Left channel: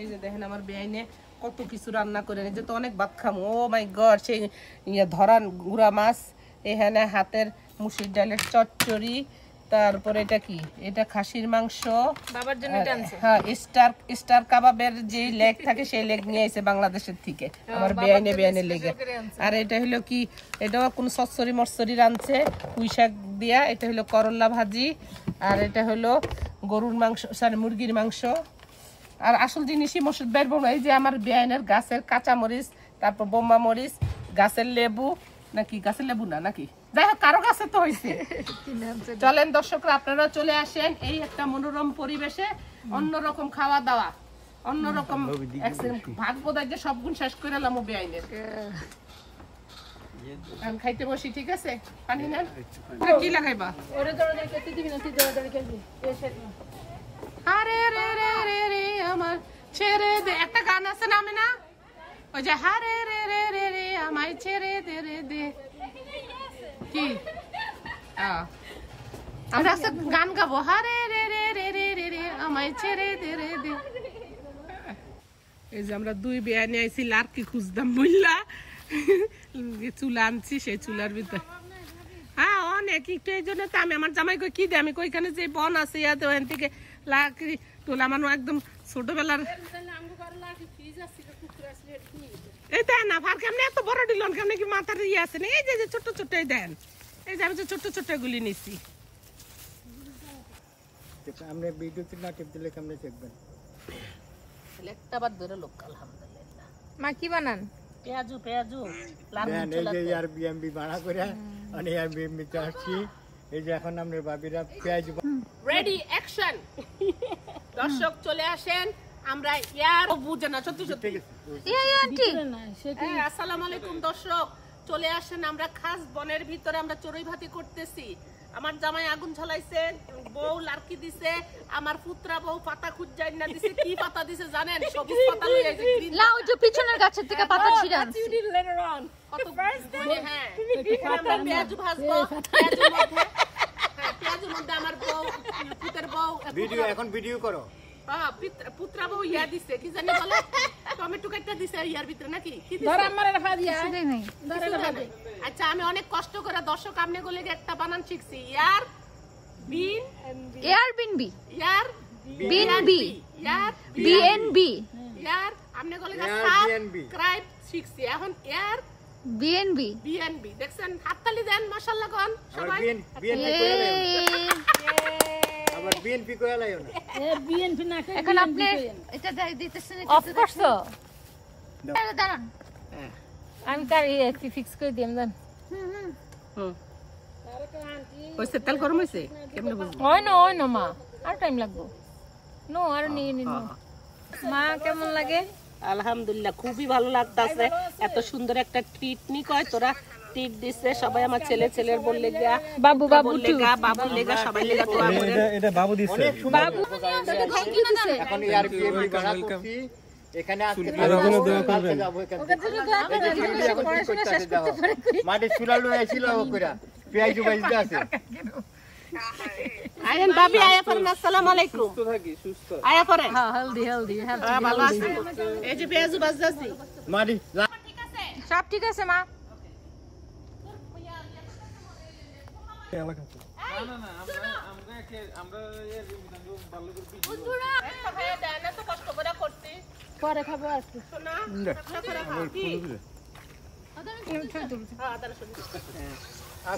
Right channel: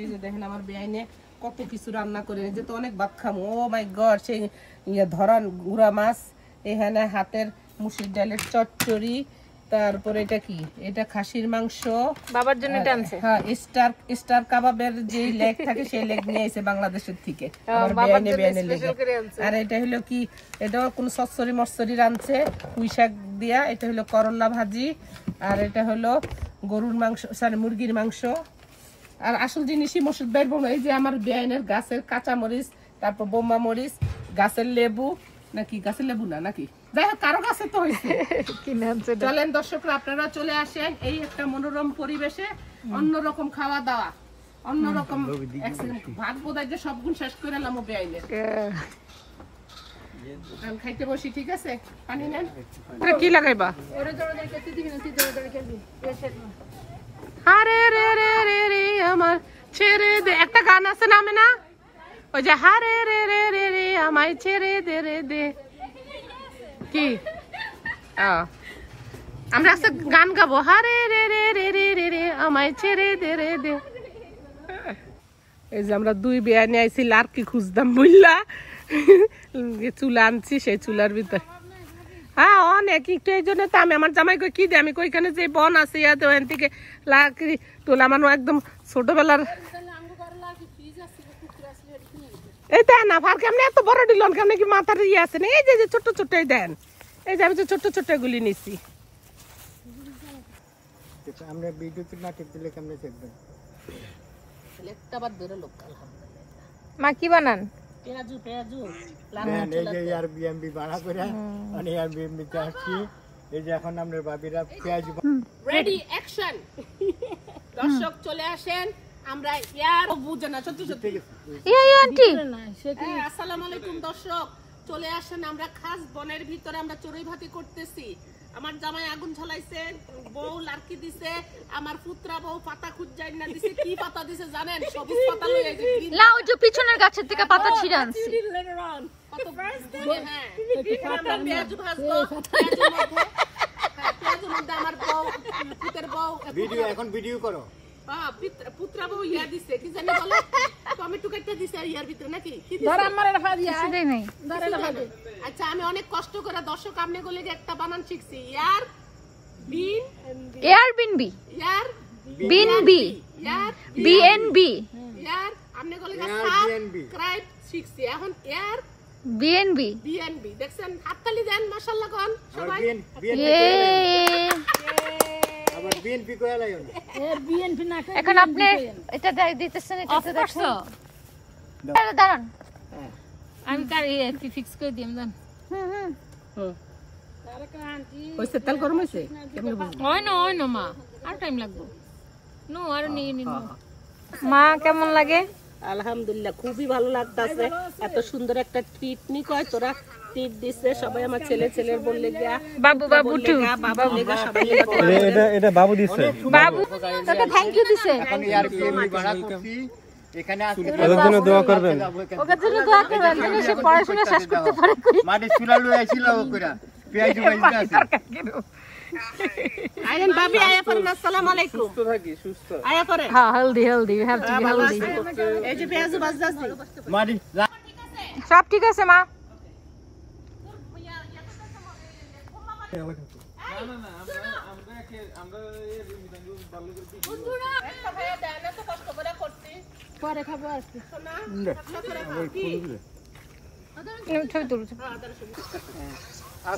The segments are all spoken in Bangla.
এই যে দেখেন আমার বেআইনে কত কিছু রান্না করে নিয়ে তো অনেক ভাত খামো। ও মাই গড, সেই ধরান গুড়া মাছ, এখানে হাতের মুসুর ডালের চচ্চড়ি, তারপরে এটা কি, এটা খাসির মাংস বাবার জন্য টানছে। হ্যাঁ, স্টার কাবাবের যে লেগ থাকে সেই লেগ নিয়ে আইছে বাংলাদেশের থেকে আমার বেআইনে লেগে। আর এটা হলো কি, এটাও কোন সচ্চড়ি মরচড়ি রাঁধছে পুঁই শাক দিয়া। এটা হলো করলা ভাজি, আর এটা হলো গরুর মাংস, সরি মুরগির মাংস। আর আসল জিনিসই মসুর বের বোন, এই যে আমার বেআইনের গাছের কাঁচা মরিচ, তারপর বোম্বা মরিচ, গাছের লেবু, নাকি গাছের লেবু না নাকি, যাই হোক কারো গাছে তো হয়েছে। চলেন দর্শকরা, আপনারা চলে আসেন এই একটা মনোরম পরিবেশে, অন্যরকম খাওয়া দাওয়া, অন্যরকম ভাত বোধহয় যে সব গুণ শেষ করে এলাম বেআইনের। আমি খাইতে বসি, ঠিক আছে? পানি নেন। কি লাগাইবা? আরে রে রে রে রে আমার ছেড়ে দে, একটা গান আছে নামে না, ওই যে হারে রে রে রে রে আমায় ছেড়ে দে রে দে, কি আমরা আজকে গান গাবো, হারে রে রে রে রে রে রে আমায় ছেড়ে দে রে দে। এই যে আমরা দুই বেআইনে আইছি লার্কি খুঁজতাম বুঝলা, চুলা আনছি, সেই চুলার ভিতর হ্যাঁ অনেক একটু, এই জন্য তো আমি আমার জামাই কই কি দে, আমি কইখানে যে বন আছে ইয়াতে ওখান থেকে লার্কি তোলা মানুষ একদম ছোটবেলার। এই দেন না ফার কেমনে এত বড় দিলন, কেমনে কি মাথার ইয়ে আছে না, এই যে ছোট ছোট দেন, এই যে আমি যে ছোট ছোট গুলি নিছি। আমরা ভিডিওতে না টিপ দিলে কেমনে দেখবেন? একটা বার ধরে লোক আলহামদুলিল্লাহ। মা কি বানান? পেঁয়াজু এই যে আর বিএমবি বানা করে মানে আর বিএমবি তে আসছি। এই যে এখন আমরা বাবিরা পেঁয়াজ রেডি অ্যাকশন। দর্শক চলে আসেন, আমরা ইয়ার বুঝে না সত্যি সত্যি। ইয়া আন্টি, আসসালামু আলাইকুম দর্শক, চলে আসেন, আমরা খাস বনের ভিতরে আমরা চড়ুই ভাতি করতেছি। আমার জামাই আগুন ঝলাইছে, বউ লার্কি দিছে, আমার পুত্রা বউ পাতা খুঁজাই না দিছে। কি পাতা দিছে জানেন? সবুজ পাতা লই আইছে, গ্রিন না ওই যে পিছনের গাছের থেকে পাতা ছিড়ান। কত গুণে। হ্যাঁ আমরা পেঁয়াজু ভাজবো, পেঁয়াজুর মধ্যে আমার বউ, পুতের বউ ভিডিও, এখন ভিডিও করো। পুত্রা বউ ইয়া দিছে, কি জানি বলে, টমেটো কাটটা দিছে ইয়ার ভিতরে নাকি কি দিছে? কিছু দেই নাই। আচ্ছা আমি অনেক কষ্ট করে দর্শক আমনে গলে একটা বানান শিখছি, ইয়ার বিন এয়ার বিনবি, ইয়ার বিনবি, ইয়ার বিএনবি, ইয়ার আমনে গলে সাবস্ক্রাইব শিখছি, এখন ইয়ার বিএনবি, বিএনবি। দেখছেন, হাততালি দেন মাশাআল্লাহ কোন সবাই। আবার বিএনপি কইয়া লাইও না, বিএনপি না। এখন আপনি এটা দিতেছেন, এটা তো দেখছো, দাঁড়ান আমি কার কি ফিক্স করে দিম দেন। ওইসে তেল গরম হইছে, কেমনে বুঝবো? হয় না মা, আর টাইম লাগবে। নো আর নেই মা, কেমন লাগে? আলহামদুলিল্লাহ খুবই ভালো লাগতাছে। এত সুন্দর একটা ট্রিট নি কয় তোরা ট্রিট দিছে সবাই, আমার ছেলের বললে গা বাবু টু বাবু লেগা সবাই লেগা। এটা বাবু দিছে, বাবু তোকে থ্যাংক ইউ দিছেন। ওয়েলকাম। এখানে আসলে দোয়া করবেন, ওকে জন্য দোয়া করবেন, সে পড়াশোনা শেষ করতে পারে। মাটি চুলা লই আইছিল ওকরা পেঁয়াজ ভাজি আছে। আইন ভাবি আয়া পড়েন, আসসালামু আলাইকুম। সুস্থ থাকি, সুস্থ আয়া পড়েন। হ্যাঁ healthy healthy, have to be healthy. এই যে পেঁয়াজু বাজদাছি মাটি সব ঠিক আছে মা।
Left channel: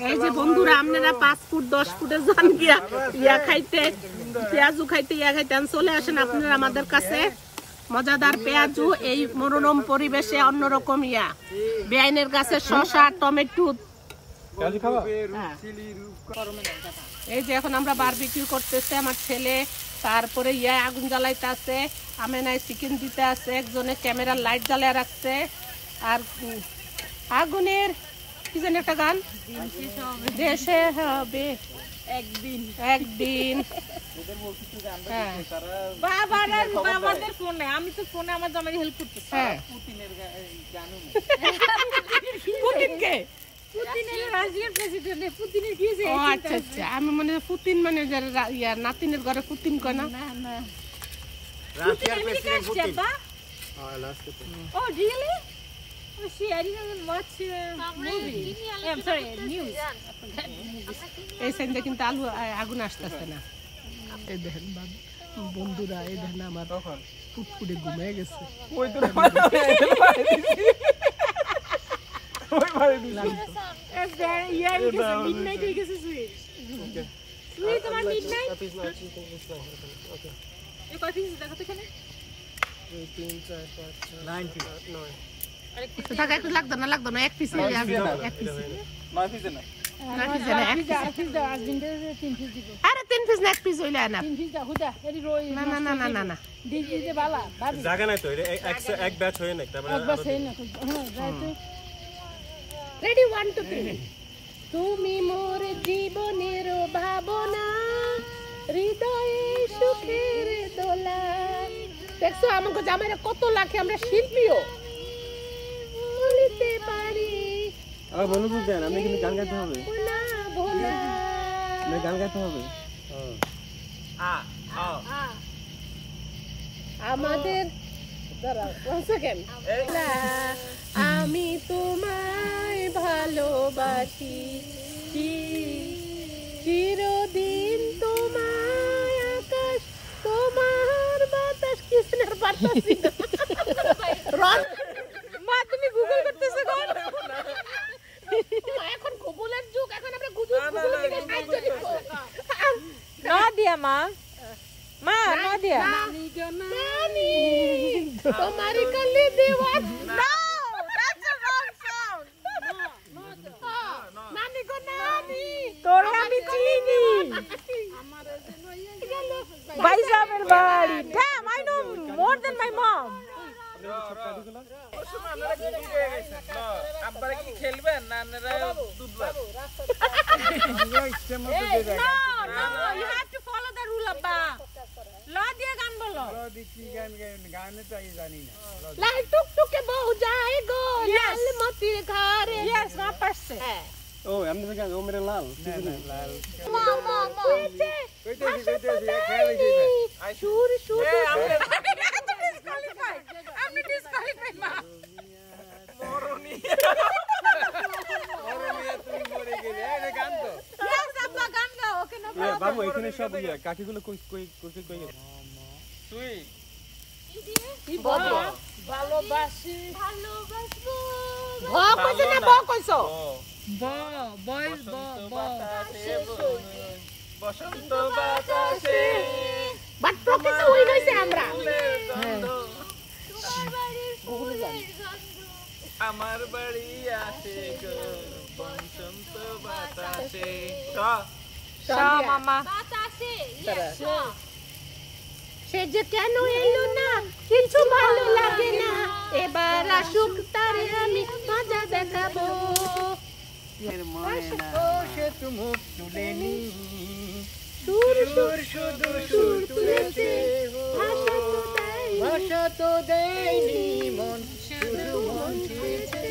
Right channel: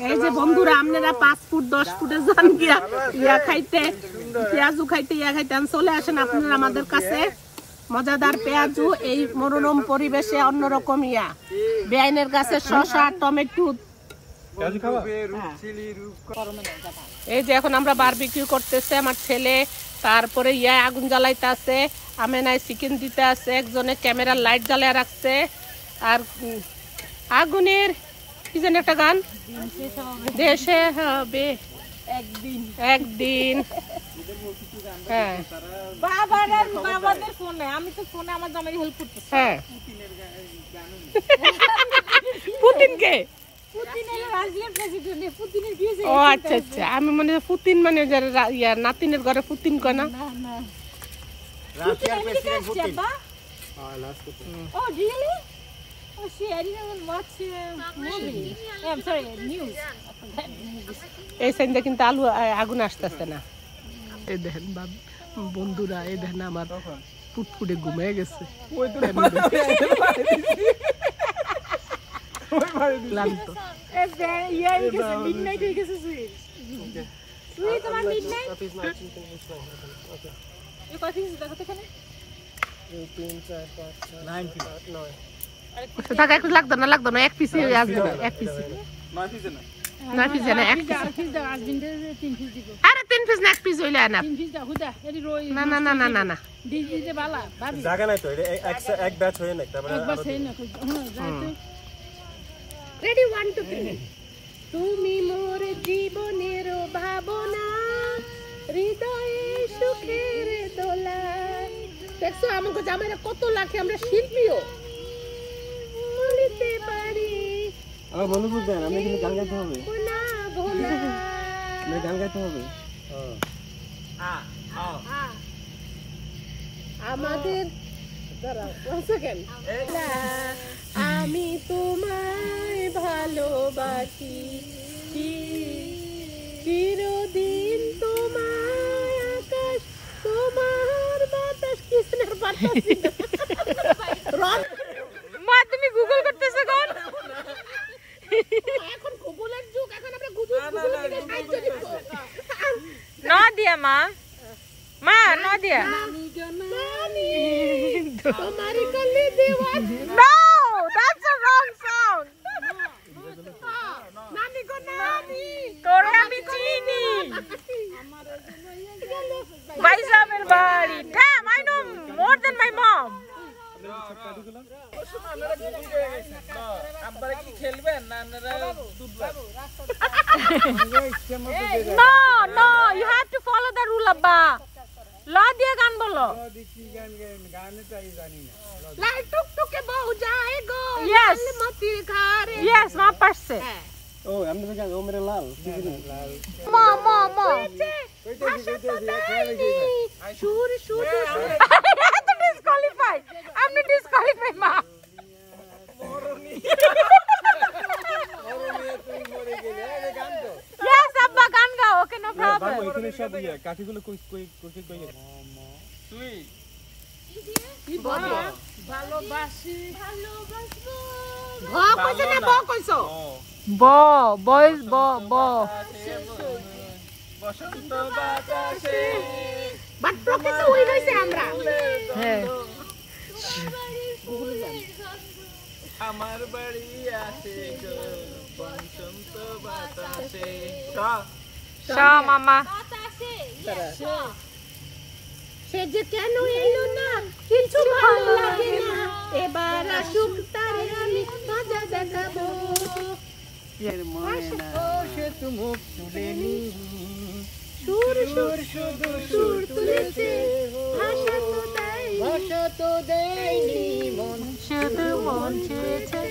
এই যে বন্ধুরা, আপনারা 5 ফুট 10 ফুটে যান গিয়া ইয়া খাইতে, পেঁয়াজু খাইতে, ইয়া খাইতে চলে আসেন আপনারা আমাদের কাছে। মজাদার পেঁয়াজু এই মনোরম পরিবেশে, অন্যরকম ইয়া বেআইনের কাছে শসা টমেটো। এই যে এখন আমরা বারবিকিউ করতেছে আমার ছেলে, তারপরে ইয়া আগুন জ্বালাইতে আছে, আমেনায় চিকেন দিতে আছে, একজনে ক্যামেরার লাইট জ্বালায় রাখছে। আর আগুনের কি যেন একটা গান, দেশে হবে একদিন। হ্যাঁ বাবাদের ফোনে, আমি তো ফোনে আমার জামাই হেল্প করতেছি। হ্যাঁ পুতিনকে, ও আচ্ছা আচ্ছা, আমি মনে পুতিন মানে নাতিনের ঘরে পুতিন কয় না। রাশিয়ার president Putin Oh, really? Oh, shit, I didn't even watch movie. I'm sorry, news. I forgot movies. এই সাইডে কিন্তু আলু আগুন আসতেছে না। এই দেখেন বন্ধুরা, এই দেখেন আমার ফুটফুটে ঘুমিয়ে গেছে। ওই তো ক্লান্ত। Midnight হয়ে গেছে সুইট। সুইট তোমার midnight? এই কয় পিস দেখো তো এখানে? 3 4 5 6 9 টাকা একটু লাগতো না এক পিস আসবে এক পিস 9 পিস না 9 পিস না এক পিস আরে 3 পিস না এক পিস হইলা না না না না না না না জায়গা নাই তো এক ব্যাচ হয়ে নাই তারপরে রেডি 1 2 3 তুমি মোর জীবনের ভাবনা হৃদয়ে সুখের দোলা দেখছো আমাকে জামাইরা কত লাখে আমরা শিল্পীও বলতে পারি বলু বুঝেন আমি কিন্তু গান গাইতে হবে না ভোলা না গান গাইতে হবে আমাদের দাঁড়াও 1 সেকেন্ড আমি তোমায় ভালোবাসি চিরদিন তোমায় আকাশ তোমার বাতাস কিসনের বাতাস মা তুমি গুগল করতেছো কোন এখন গুগলের যুগ এখন আমরা গুগল থেকে সাহায্য নিব না দিয়া মা না দিয়া তোমারি কলি দেওয়ার no that's a wrong sound নানি গো নানি তোরে আমি চিনি ভাইসাবের বাড়ি damn I know more than my mom আপনারা কি খেলবেন না দুধবার No, you have to follow the rule abba. ল দিয়ে গান বলো লাই টুক টুকে বউ যায় গো লাল মতির ঘরে यस মা পারছে ও এমনি গান ও মেরে লাল মা কইতেছি খেয়াল হইছে শুর তো ডিসকোয়ালিফাইড আপনি ডিসকোয়ালিফাইড মা মরনি তুমি মরে গেলে এই গান তো यस আব্বা গান গাও ওকে না বাবু এখানে সব কাঠিগুলো কই গেছে তুই কি বলো ভালোবাসি কইছো বয়েস বসন্ত বাতাসে বাট প্রকৃত হই রইছে আমরা আমার বাড়ি আছে গো বসন্ত বাতাসে মামা সে যে কেন এলো না কিছু ভালো লাগে না এবার আসুক তারে আমি মজা দেখাবো সে মুখ তুলেনি সুর তুলেছে ভাষা তো দেয়নি মন শুধু মন ছুঁয়েছে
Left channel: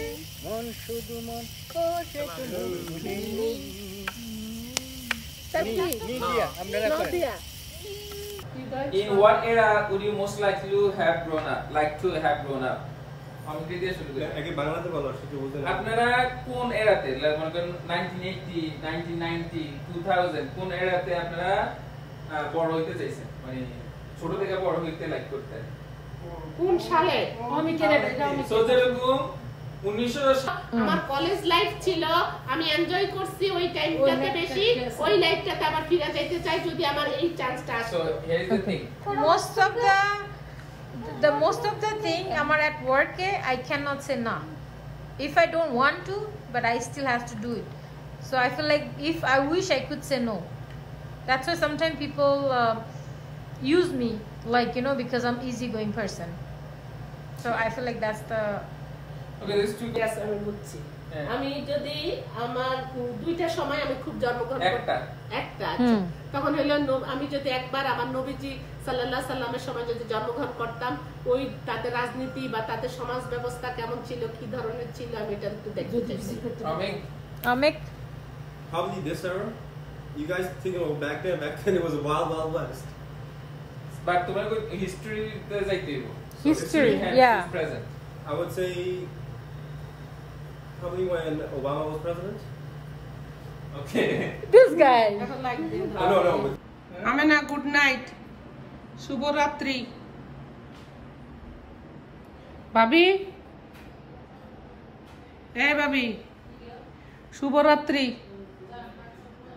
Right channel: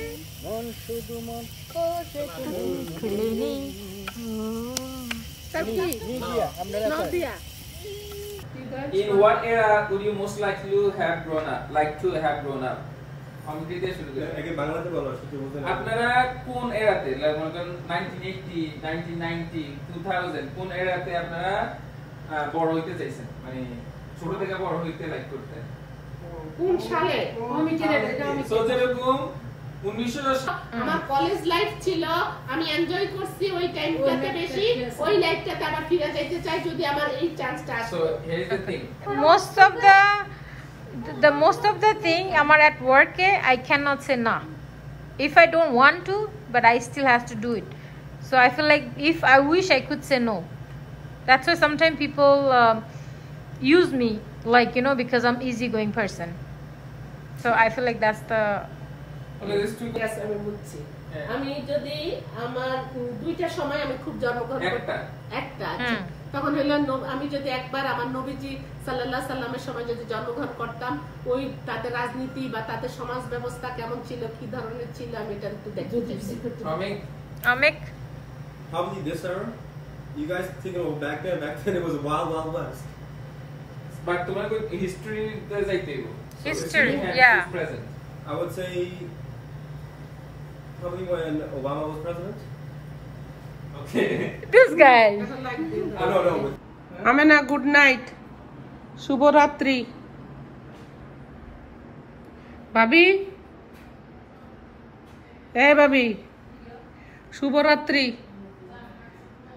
মন শুধু মন ও সে মুখ তুলেনি নিদিয়া আমরা In what era would you most likely have grown up? Like to have grown up? আমি দিয়ে শুরু করি আগে বাংলাতে বলো সেটা বলতে না আপনারা কোন এরাতে মনে করেন 1980 1990 2000 কোন এরাতে আপনারা বড় হইতে চাইছেন মানে ছোট থেকে বড় হইতে লাইক করতে কোন সালে আমি সো যেরকম 1900 আমার কলেজ লাইফ ছিল আমি এনজয় করছি ওই টাইমটাতে বেশি ওই লাইফটাতে আবার ফিরে যাইতে চাই যদি আমার এই চান্সটা আসে so here is the thing most of the thing amar at work I cannot say no if I don't want to but I still have to do it so I feel like if I wish I could say no that's why sometimes people use me like you know because I'm easygoing person so I feel like that's the okay this two yes আমি বুঝছি আমি যদি আমার দুইটা সময় আমি খুব জন্মগ্রহণ করতাম একটা আচ্ছা তখন হলো আমি যদি একবার আমার নবীজি সাল্লাল্লাহু আলাইহি সাল্লামের সময় যদি জন্মগ্রহণ করতাম ওই তাদের রাজনীতি বা তাদের সমাজ ব্যবস্থা কেমন ছিল কি ধরনের ছিল আমি এটা একটু দেখতে চাই Amik probably this era you guys think of back then it was a wild west but তোমার হিস্ট্রিতে যাইতে হইব History, yeah. Present I would say probably when Obama was president. Okay This guy. Oh, no. Amena good night, শুভরাত্রি। ভাবি, ভাবি, শুভরাত্রি।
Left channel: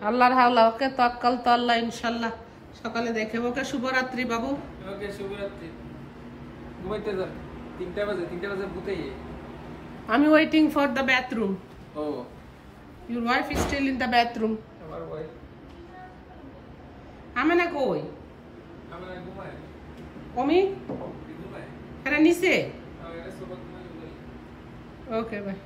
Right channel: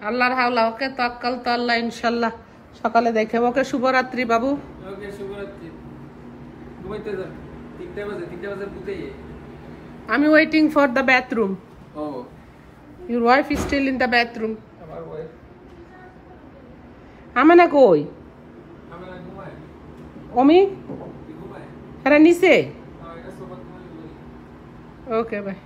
আল্লাহর হাওলা, ওকে তাওয়াক্কাল তো আল্লাহ, ইনশাআল্লাহ সকালে দেখে। ওকে শুভরাত্রি বাবু। ওকে শুভরাত্রি, ঘুমাইতে যান। 3টা বাজে বুতেই। আমি ওয়েটিং ফর দ্য বাথরুম। ও your wife is still in the bathroom. আমার ওয়াইফ আমেনা কই? আমরা ঘুমাই। অমি ঘুমাই। এরা নিচে। এটা সোফা ওকে বাই।